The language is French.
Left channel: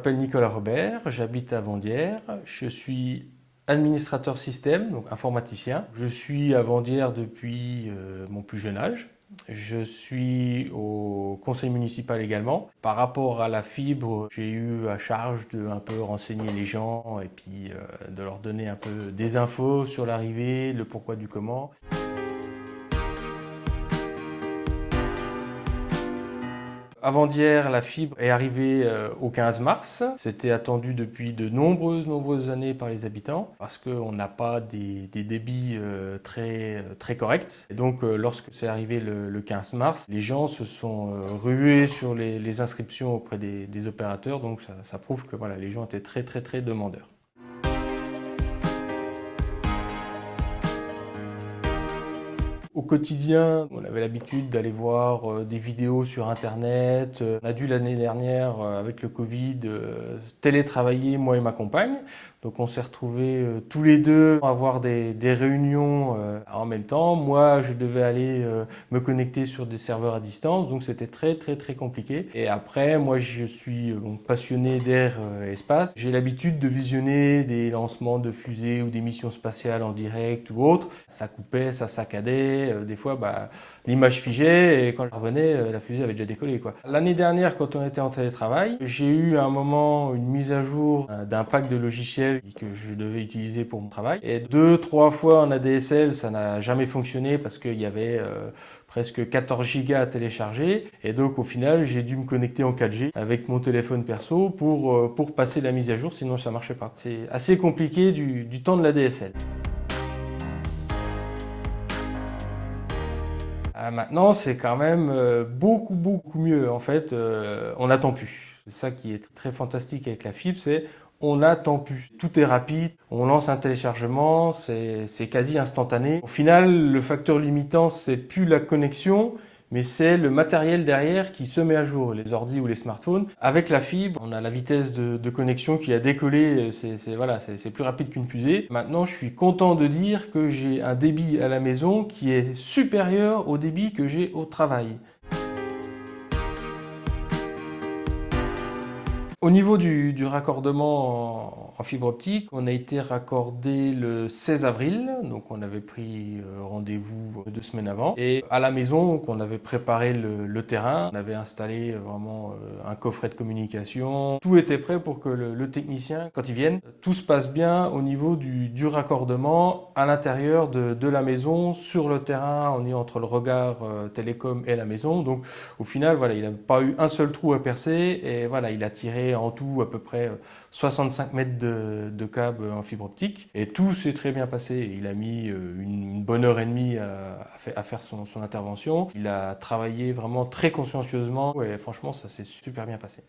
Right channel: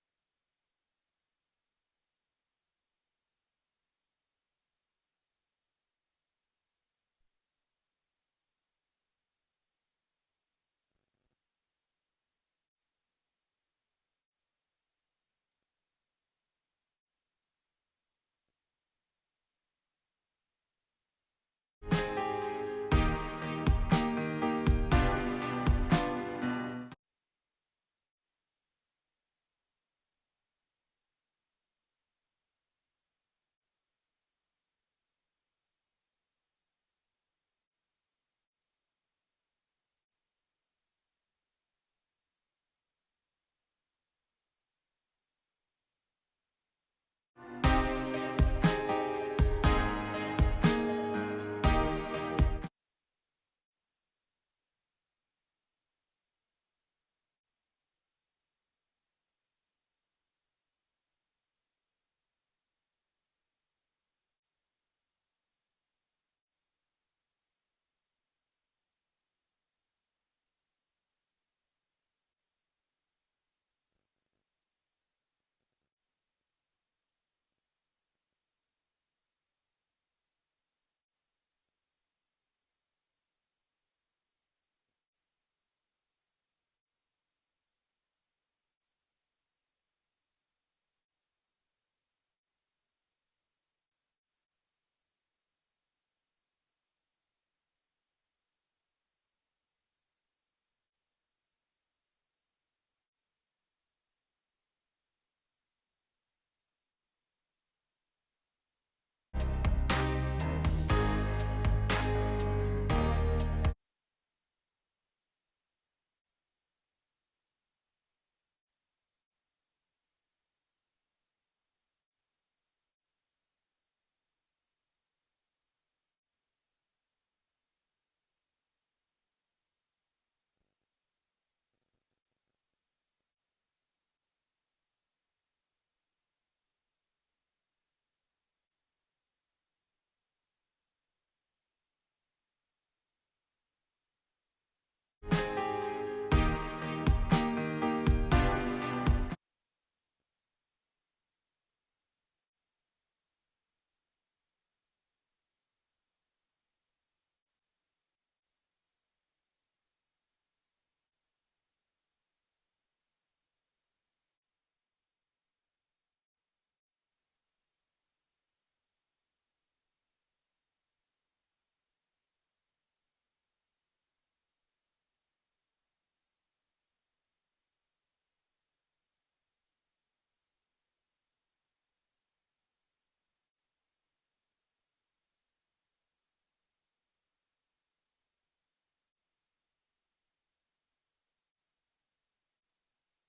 m'appelle Nicolas Robert, j'habite à Vendières, je suis administrateur système, donc informaticien. Je suis à Vendières depuis mon plus jeune âge. Je suis au conseil municipal également. Par rapport à la fibre, j'ai eu à charge de un peu renseigner les gens et puis de leur donner un peu des infos sur l'arrivée, le pourquoi du comment. Avant d'hier, la fibre est arrivée au 15 mars. C'était attendu depuis de nombreuses années par les habitants parce qu'on n'a pas des débits très corrects. Et donc, lorsque c'est arrivé le 15 mars, les gens se sont rués sur les inscriptions auprès des opérateurs. Donc, ça prouve que voilà, les gens étaient très demandeurs. Au quotidien, on avait l'habitude d'aller voir des vidéos sur Internet. On a dû l'année dernière, avec le Covid, télétravailler, moi et ma compagne. Donc on s'est retrouvés tous les deux à avoir des réunions en même temps. Moi, je devais aller me connecter sur des serveurs à distance, donc c'était très compliqué. Et après, moi, je suis passionné d'air et espace. J'ai l'habitude de visionner des lancements de fusées ou des missions spatiales en direct ou autre. Ça coupait, ça saccadait. Des fois, l'image figeait et quand je revenais, la fusée avait déjà décollé, quoi. L'année dernière, quand on était en télétravail, j'ai eu à un moment une mise à jour d'un pack de logiciels que je devais utiliser pour mon travail. Et 2, 3 fois en ADSL, ça n'a jamais fonctionné parce qu'il y avait presque 14 gigas à télécharger. Et donc au final, j'ai dû me connecter en 4G avec mon téléphone perso pour passer la mise à jour, sinon ça ne marchait pas. C'est assez compliqué du temps de l'ADSL. Maintenant, c'est quand même beaucoup mieux. En fait, on n'attend plus. C'est ça qui est très fantastique avec la fibre, c'est on n'attend plus. Tout est rapide, on lance un téléchargement, c'est quasi instantané. Au final, le facteur limitant, c'est plus la connexion, mais c'est le matériel derrière qui se met à jour, les ordi ou les smartphones. Avec la fibre, on a la vitesse de connexion qui a décollé, c'est plus rapide qu'une fusée. Maintenant, je suis content de dire que j'ai un débit à la maison qui est supérieur au débit que j'ai au travail. Au niveau du raccordement en fibre optique, on a été raccordé le 16 avril, donc on avait pris rendez-vous 2 semaines avant. Et à la maison, donc, on avait préparé le terrain, on avait installé vraiment un coffret de communication. Tout était prêt pour que le technicien, quand il vienne, tout se passe bien au niveau du raccordement à l'intérieur de la maison, sur le terrain, on est entre le regard télécom et la maison. Donc au final, voilà, il n'a pas eu un seul trou à percer et voilà, il a tiré en tout à peu près 65 mètres de câble en fibre optique et tout s'est très bien passé. Il a mis une bonne heure et demie à faire son intervention. Il a travaillé vraiment très consciencieusement et franchement, ça s'est super bien passé.